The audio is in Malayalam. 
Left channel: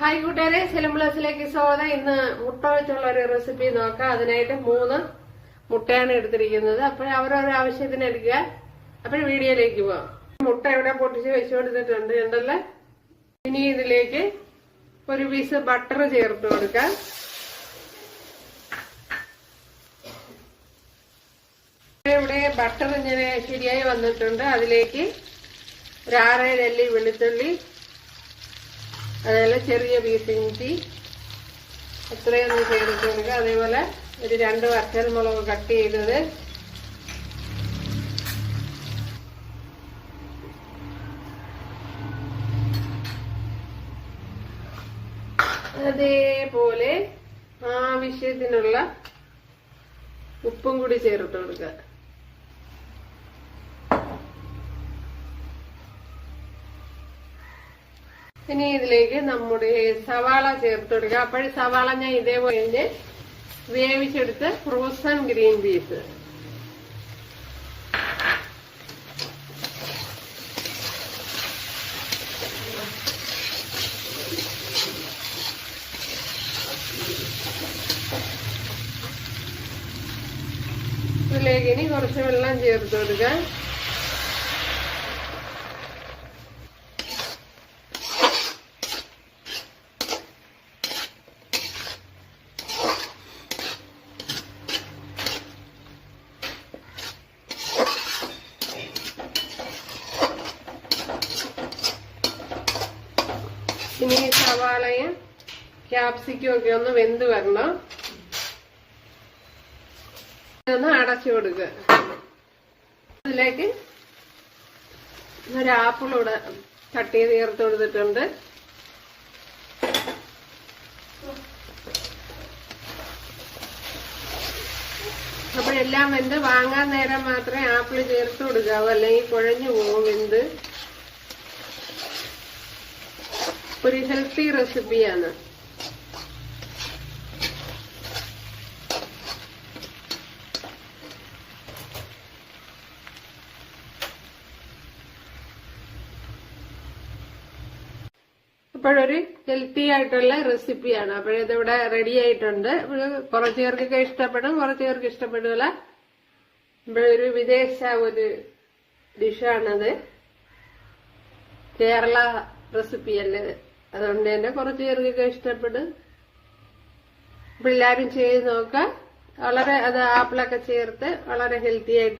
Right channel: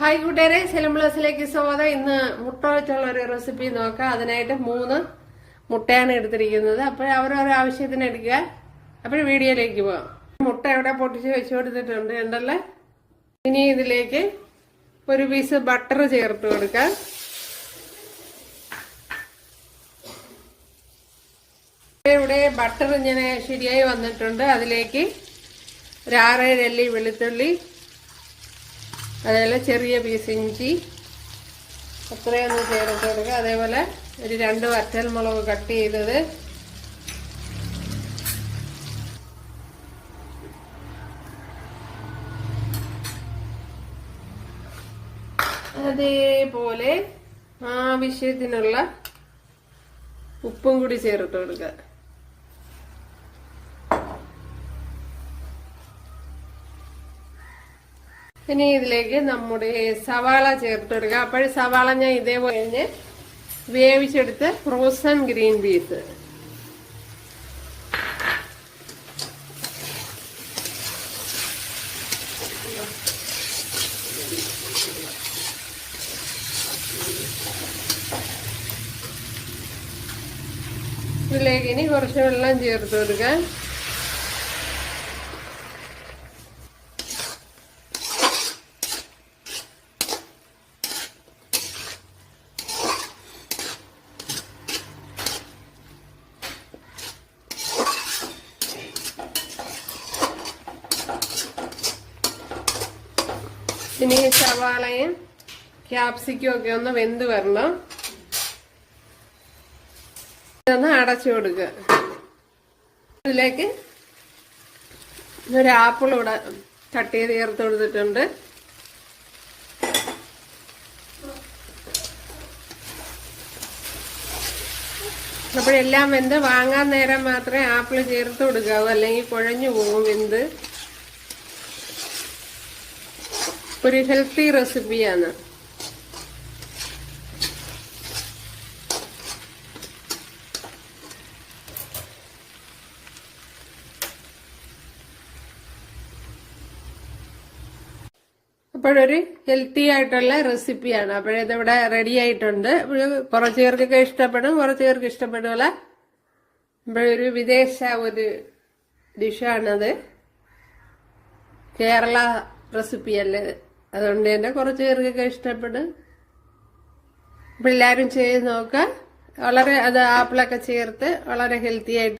ഹായ് കൂട്ടുകാരെ, സെലിം പ്ലസിലേക്ക് സ്വാഗതം. ഇന്ന് മുട്ട വെച്ചുള്ള ഒരു റെസിപ്പി നോക്കാം. അതിനായിട്ട് 3 മുട്ടയാണ് എടുത്തിരിക്കുന്നത്. അപ്പോൾ അവരവരുടെ ആവശ്യത്തിന് എടുക്കുക. അപ്പോൾ വീഡിയോയിലേക്ക് പോവാം. മുട്ട ഇവിടെ പൊട്ടിച്ച് വെച്ചു കൊടുത്തിട്ടുണ്ട് ഉണ്ടല്ലോ. ഇനി ഇതിലേക്ക് ഒരു പീസ് ബട്ടർ ചേർത്ത് കൊടുക്കാം. ഇവിടെ ബട്ടർ ഇങ്ങനെ ശരിയായി വന്നിട്ടുണ്ട്. അതിലേക്ക് ഒരു 6-7 അല്ലി വെളുത്തുള്ളി, അതേപോലെ ചെറിയ പീസ് ഇഞ്ചി അത്രയൊന്ന് ചേർത്ത് കൊടുക്കുക. അതേപോലെ ഒരു 2 വറ്റൽമുളക് കട്ട് ചെയ്തത്, അതേപോലെ ആവശ്യത്തിനുള്ള ഉപ്പും കൂടി ചേർത്ത് കൊടുക്കുക. ഇനി ഇതിലേക്ക് നമ്മുടെ സവാള ചേർത്ത് കൊടുക്കുക. അപ്പോൾ സവാള ഞാൻ ഇതേപോലെ വേവിച്ചെടുത്ത് ഫ്രോസൺ ഗ്രീൻ പീസ്, ഇതിലേക്ക് ഇനി കുറച്ച് വെള്ളം ചേർത്ത് കൊടുക്കുക. ഇനി സവാളയും ക്യാപ്സിക്കും ഒക്കെ ഒന്ന് വെന്ത് വരണം. ഇതൊന്ന് അടച്ചു കൊടുക്കുക. അതിലേക്ക് ഒരു ആപ്പിൾ ഇവിടെ കട്ട് ചെയ്ത് ചേർത്ത് കൊടുത്തിട്ടുണ്ട്. അപ്പോഴെല്ലാം വെന്ത് വാങ്ങാൻ നേരം മാത്രമേ ആപ്പിൾ ചേർത്ത് കൊടുക്കാവൂ, അല്ലെങ്കിൽ കുഴഞ്ഞു പോകും വെന്ത്. ഒരു ഹെൽത്തി റെസിപ്പിയാണ്. അപ്പോഴൊരു ഹെൽത്തി ആയിട്ടുള്ള റെസിപ്പിയാണ്. അപ്പോഴിതിവിടെ റെഡി ആയിട്ടുണ്ട്. കുറച്ച് പേർക്കൊക്കെ ഇഷ്ടപ്പെടും, കുറച്ച് പേർക്ക് ഇഷ്ടപ്പെടില്ല. ഇപ്പോഴൊരു വിദേശ ഒരു ഡിഷാണത്. കേരള റെസിപ്പിയല്ലേ, അതുകൊണ്ട് തന്നെ കുറച്ച് പേർക്കൊക്കെ ഇഷ്ടപ്പെടും. അപ്പോൾ എല്ലാവരും ചെയ്ത് നോക്കുക. വളരെ ആപ്പിളൊക്കെ ചേർത്ത് വളരെ ഹെൽത്തി ആയിട്ട്